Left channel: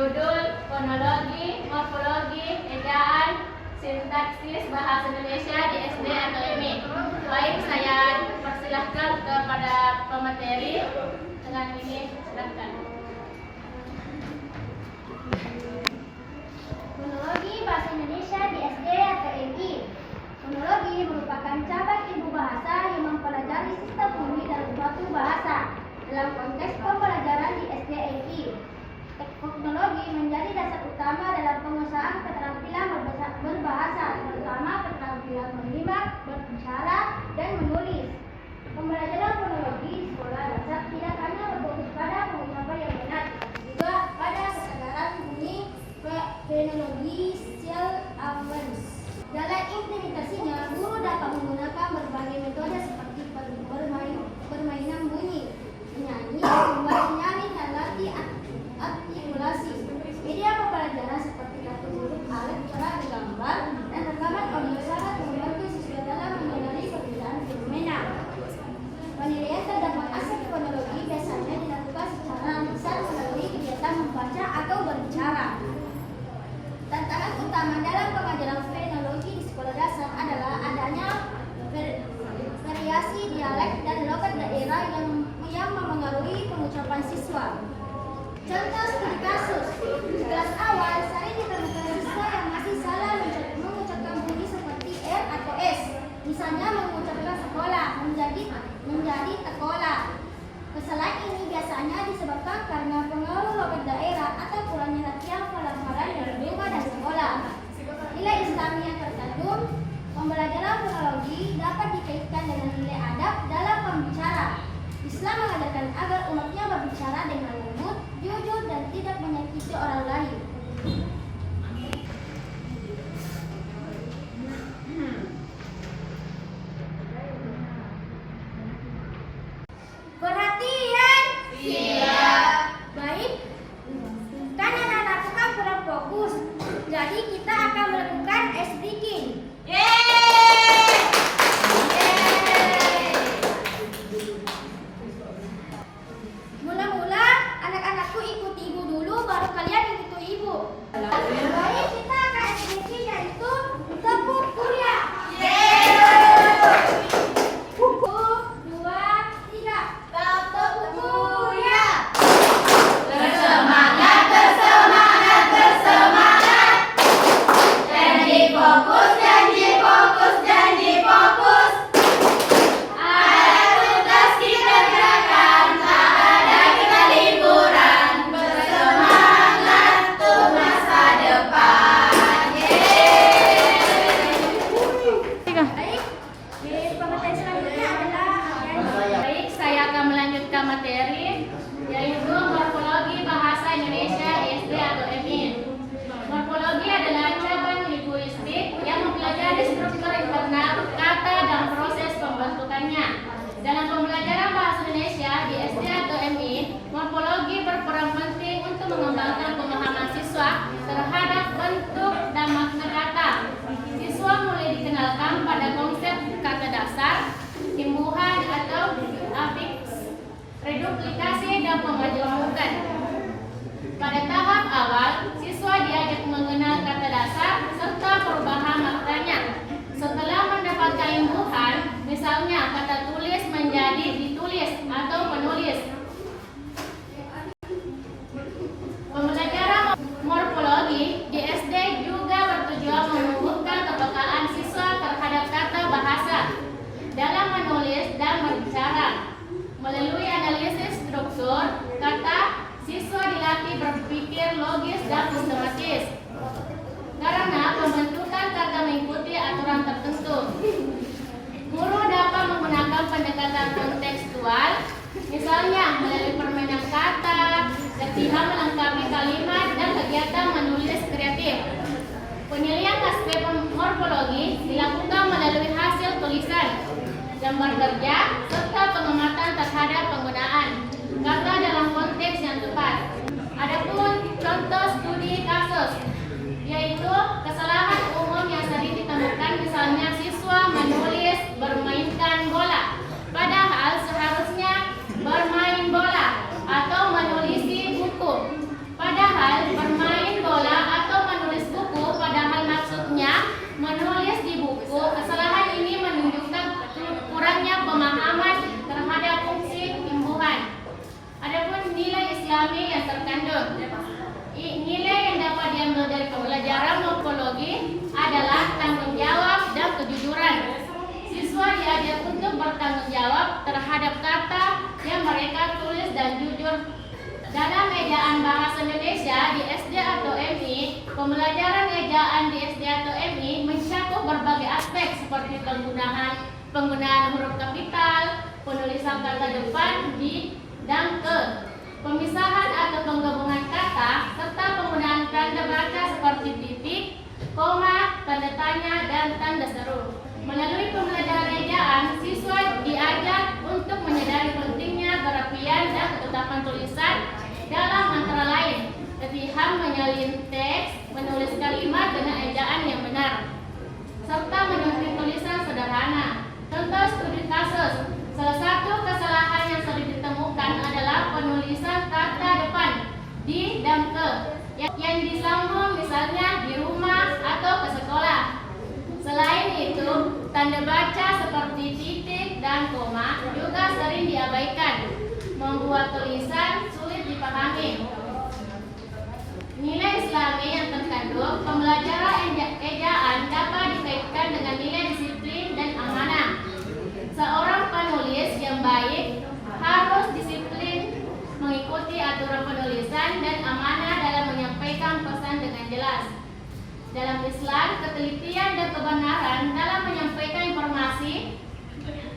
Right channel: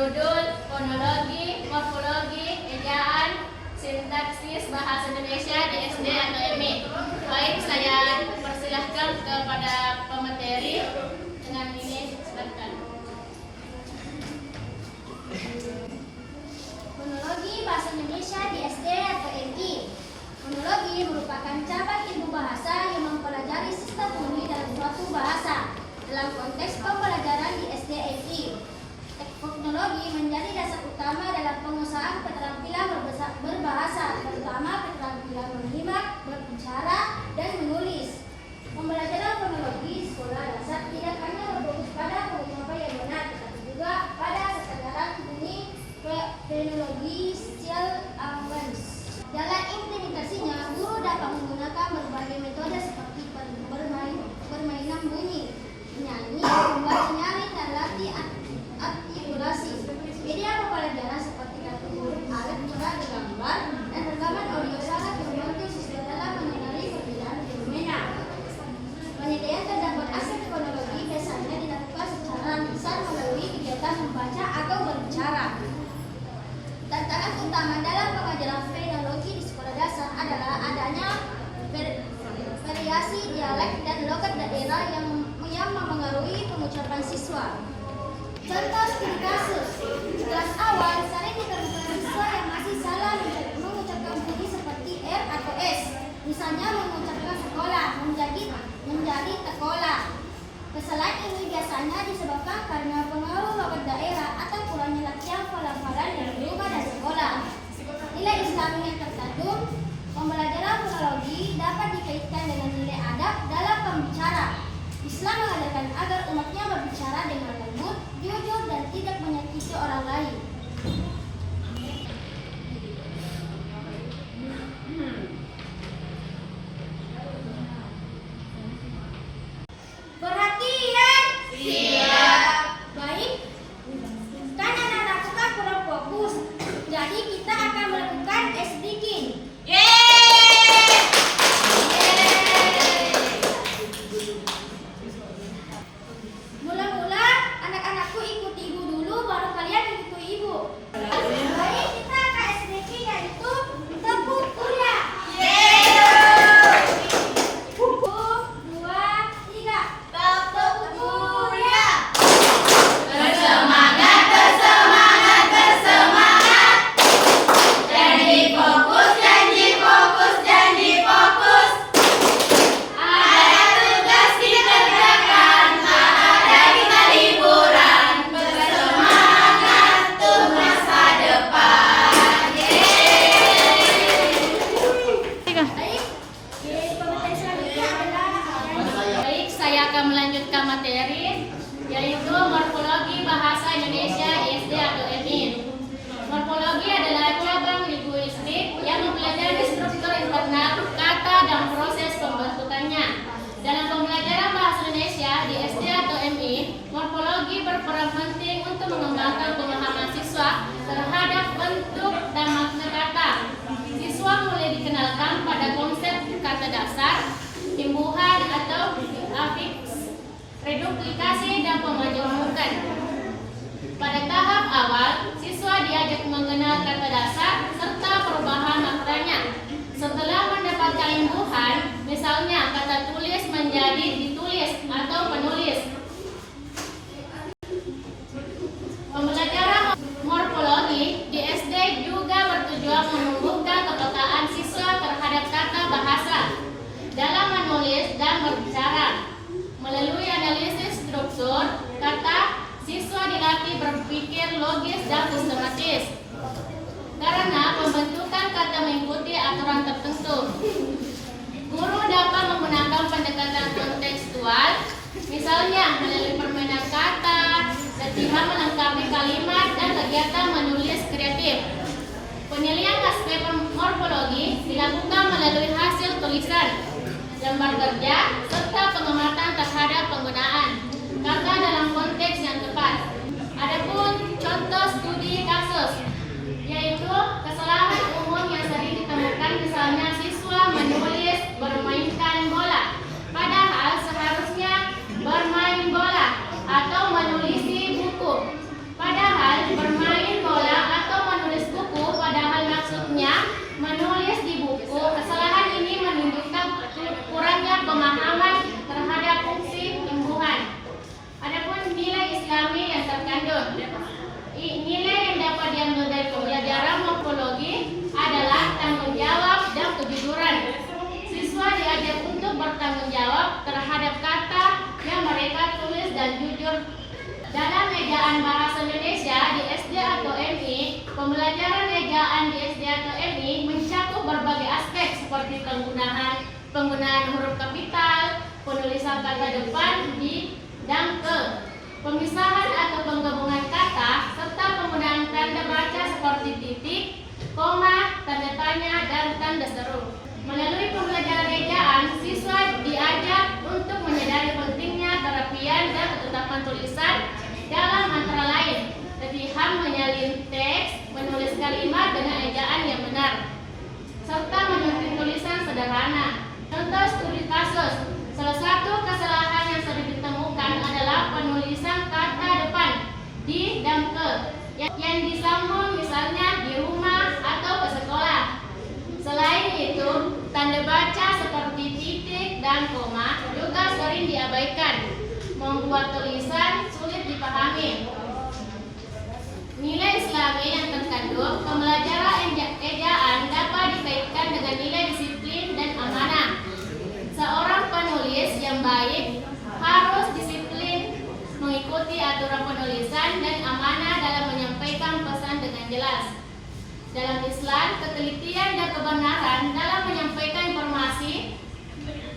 berjudul Fonologi, Morfologi, Ejaan, Sintaksis Bahasa Indonesia di SD atau MI. Baik, saya persilahkan kepada pemateri dengan ini, silahkan. Fonologi Bahasa Indonesia di SD atau MI. Fonologi merupakan cabang ilmu bahasa yang mempelajari sistem bunyi dalam suatu bahasa dalam konteks pembelajaran di SD MI. Fonologi menjadi dasar utama dalam pengusahaan keterampilan berbahasa, terutama keterampilan menyimak, berbicara, dan menulis. Pembelajaran fonologi di sekolah dasar tidak hanya berfokus pada pengucapan yang benar, tetapi juga pada kesadaran bunyi phonological awareness. Dalam implementasinya, guru dapat menggunakan berbagai metode seperti permainan bunyi, menyanyi, membaca nyaring, dan latih artikulasi. Media pembelajaran seperti kartu huruf, alat peran gambar, dan rekaman audio sangat membantu siswa dalam mengenali perbedaan fenomena. Penilaian terdapat aspek fonologi biasanya dilakukan secara lisan melalui kegiatan membaca atau berbicara. Tantangan utama dalam pengajaran fonologi di sekolah dasar adalah adanya variasi dialek dan logat daerah yang mempengaruhi pengucapan siswa. Contoh studi kasus, di kelas awal sering ditemukan siswa yang masih salah mengucapkan bunyi seperti R atau S. Misalnya mengucapkan sekolah menjadi tekola. Kesalahan ini biasanya disebabkan karena pengaruh logat daerah atau kurangnya latihan pelafalan dari rumah dan sekolah. Nilai Islami yang terkandung pembelajaran fonologi dapat dikaitkan dengan nilai adab dalam pembicara. Islam mengajarkan agar umatnya berbicara dengan lembut, jujur, dan tidak menyakiti orang lain. Perhatian! Siap! Baik, kan anak-anak kan kurang fokus. Jadi kita akan melakukan speaking. Mula-mula anak-anakku ikuti ibu dulu, baru kalian ikuti ibu. Baik, kita akan speaking yaitu tepuk kuliah. Melanjutkan materi yaitu morfologi bahasa Indonesia di SD atau MI. Morfologi adalah cabang linguistik yang mempelajari struktur internal kata dan proses pembentukannya. Dalam pembelajaran bahasa Indonesia di SD atau MI, morfologi berperan penting untuk mengembangkan pemahaman siswa terhadap bentuk dan makna kata. Siswa mulai dikenalkan pada konsep kata dasar, imbuhan atau afiks, reduplikasi, dan pemajumukan. Pada tahap awal, siswa diajak mengenal kata dasar serta perubahan maknanya. Setelah mendapatkan imbuhan, misalnya kata tulis menjadi ditulis atau penulis. Pembelajaran morfologi di SD juga bertujuan menumbuhkan kepekaan siswa terhadap tata bahasa dalam menulis dan berbicara. Melalui analisis struktur kata, siswa dilatih berpikir logis dan sistematis. Karena pembentukan kata mengikuti aturan tertentu, guru dapat menggunakan pendekatan kontekstual, misalnya melalui permainan kata, latihan melengkapi kalimat, dan kegiatan menulis kreatif. Penilaian aspek morfologi dilakukan melalui hasil tulisan, lembar kerja, serta pengamatan terhadap penggunaan kata dalam konteks yang tepat. Adapun contoh studi kasus, yaitu kesalahan umum yang sering ditemukan, misalnya siswa menulis bermainkan bola, padahal seharusnya bermain bola, atau menulisi buku, padahal bermain bertanggung jawab terhadap kata yang mereka tulis dan jujur. Dalam ejaan bahasa Indonesia di SD atau MI, pembelajaran ejaan di SD atau MI mencakup berbagai aspek seperti penggunaan huruf kapital, penulisan kata depan di dan ke, pemisahan atau penggabungan kata, serta penggunaan tanda baca seperti titik, koma, tanda tanya, dan tanda seru. Melalui pembelajaran ejaan, siswa diajak untuk menyadari pentingnya kerapian dan ketetapan tulisan dalam antara lain latihan menyalin teks, menulis kalimat dengan ejaan yang benar, serta menyusun tulisan sederhana. Contoh studi kasus, salah satu kesalahan yang sering ditemukan adalah penulisan kata depan di dan ke yang disambung misalnya di rumah atau ke sekolah. Selain itu, tanda baca seperti titik dan koma juga sering diabaikan, membuat tulisan sulit dipahami. Nilai Islami yang terkandung pembelajaran ejaan dapat dikaitkan dengan nilai disiplin dan amanah. Seorang penulis yang baik harus disiplin, mengikuti aturan penulisan dan amanah dalam menyampaikan pesan dengan jelas. Dalam Islam, ketelitian dan kebenaran dalam menyampaikan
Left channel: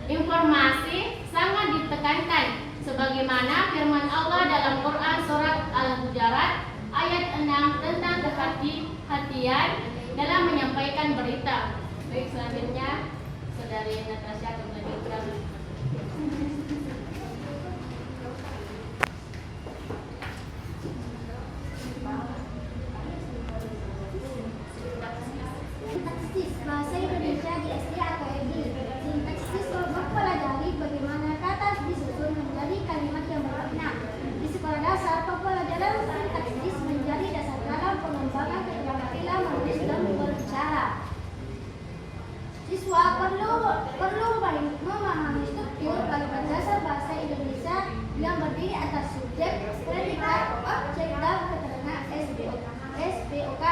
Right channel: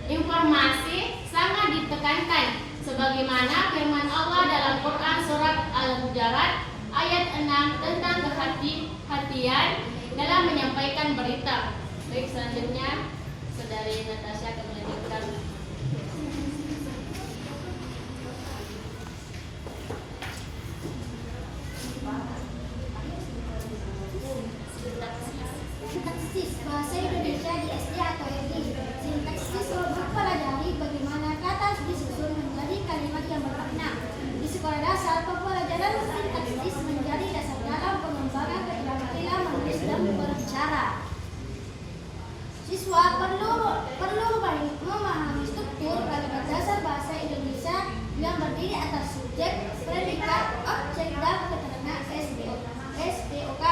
informasi sangat ditekankan, sebagaimana firman Allah dalam Quran surat Al-Hujurat ayat 6 tentang kehati-hatian dalam menyampaikan berita. Baik, selanjutnya Saudari Natasha akan melanjutkan. Sintaksis bahasa Indonesia di SD atau MI. Sintaksis mempelajari bagaimana kata disusun menjadi kalimat yang bermakna. Di sekolah dasar, pembelajaran sintaksis menjadi dasar dalam pengembangan keterampilan menulis dan berbicara. Siswa perlu memahami struktur kalimat dasar bahasa Indonesia yang berdiri atas subjek, predikat, objek, dan keterangan SPOK.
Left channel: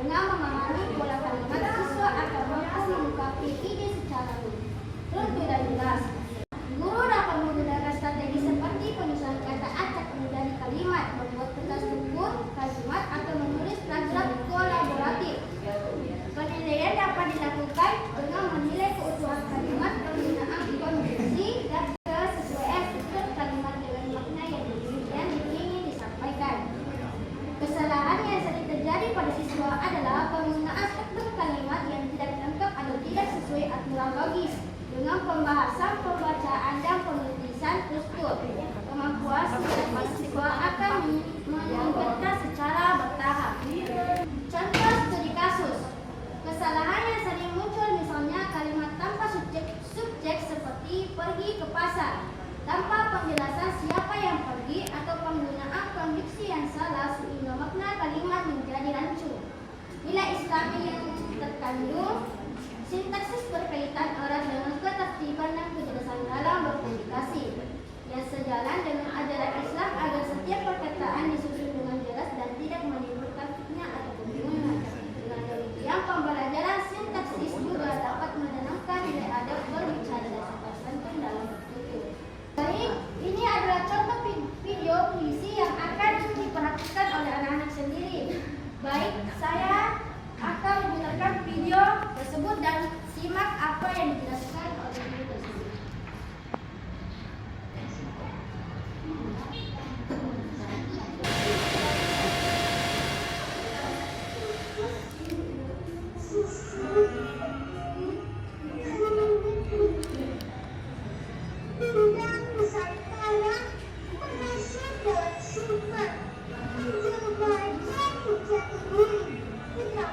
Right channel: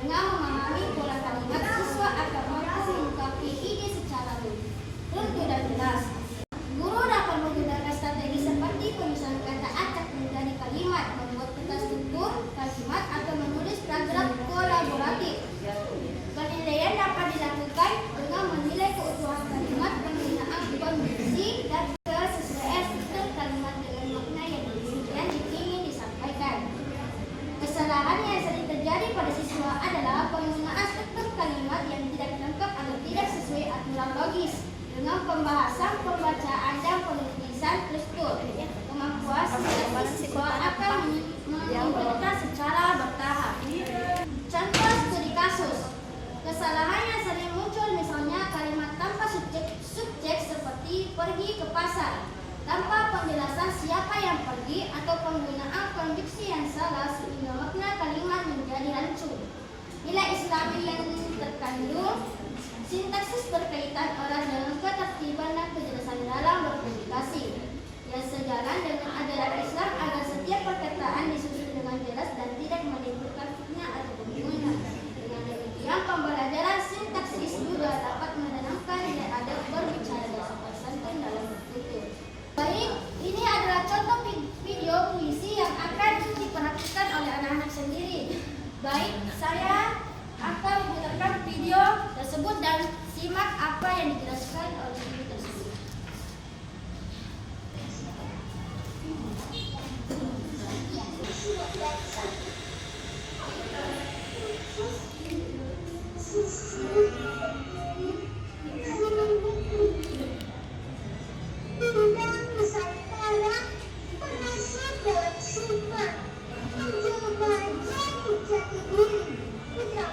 Dengan memahami pola kalimat, siswa akan mampu mengungkapkan ide secara runtuh dan jelas. Guru dapat menggunakan strategi seperti penyusunan kata acak menjadi kalimat, membuat peta struktur kalimat, atau menulis paragraf kolaboratif. Penilaian dapat dilakukan dengan menilai keutuhan kalimat, penggunaan kondisi, dan kesesuaian struktur kalimat dengan makna yang ingin disampaikan. Kesalahan yang sering terjadi pada siswa adalah penggunaan struktur kalimat yang tidak lengkap atau tidak sesuai aturan logis. Dengan pembahasan, pembacaan, dan penulisan struktur, kemampuan siswa akan meningkatkan secara bertahap. Contoh studi kasus. Kesalahan yang sering muncul misalnya kalimat tanpa subjek seperti pergi ke pasar, tanpa penjelasan siapa yang pergi, atau penggunaan konjungsi yang salah sehingga makna kalimat menjadi rancu. Nilai Islami yang terkandung sintaksis berkaitan erat dengan ketertiban dan kejelasan dalam berkomunikasi, yang sejalan dengan ajaran Islam agar setiap perkataan disusun dengan jelas dan tidak menimbulkan fitnah atau kebingungan. Dengan demikian, pembelajaran sintaksis juga dapat menanamkan nilai adab berbicara dan sopan santun dalam bertutur. Baik, ini adalah contoh video puisi yang akan diperhatikan oleh anak-anak sendiri. Baik, saya akan memutarkan video tersebut dan simak apa yang dijelaskan oleh video tersebut. Untuk belajar jati diri, kita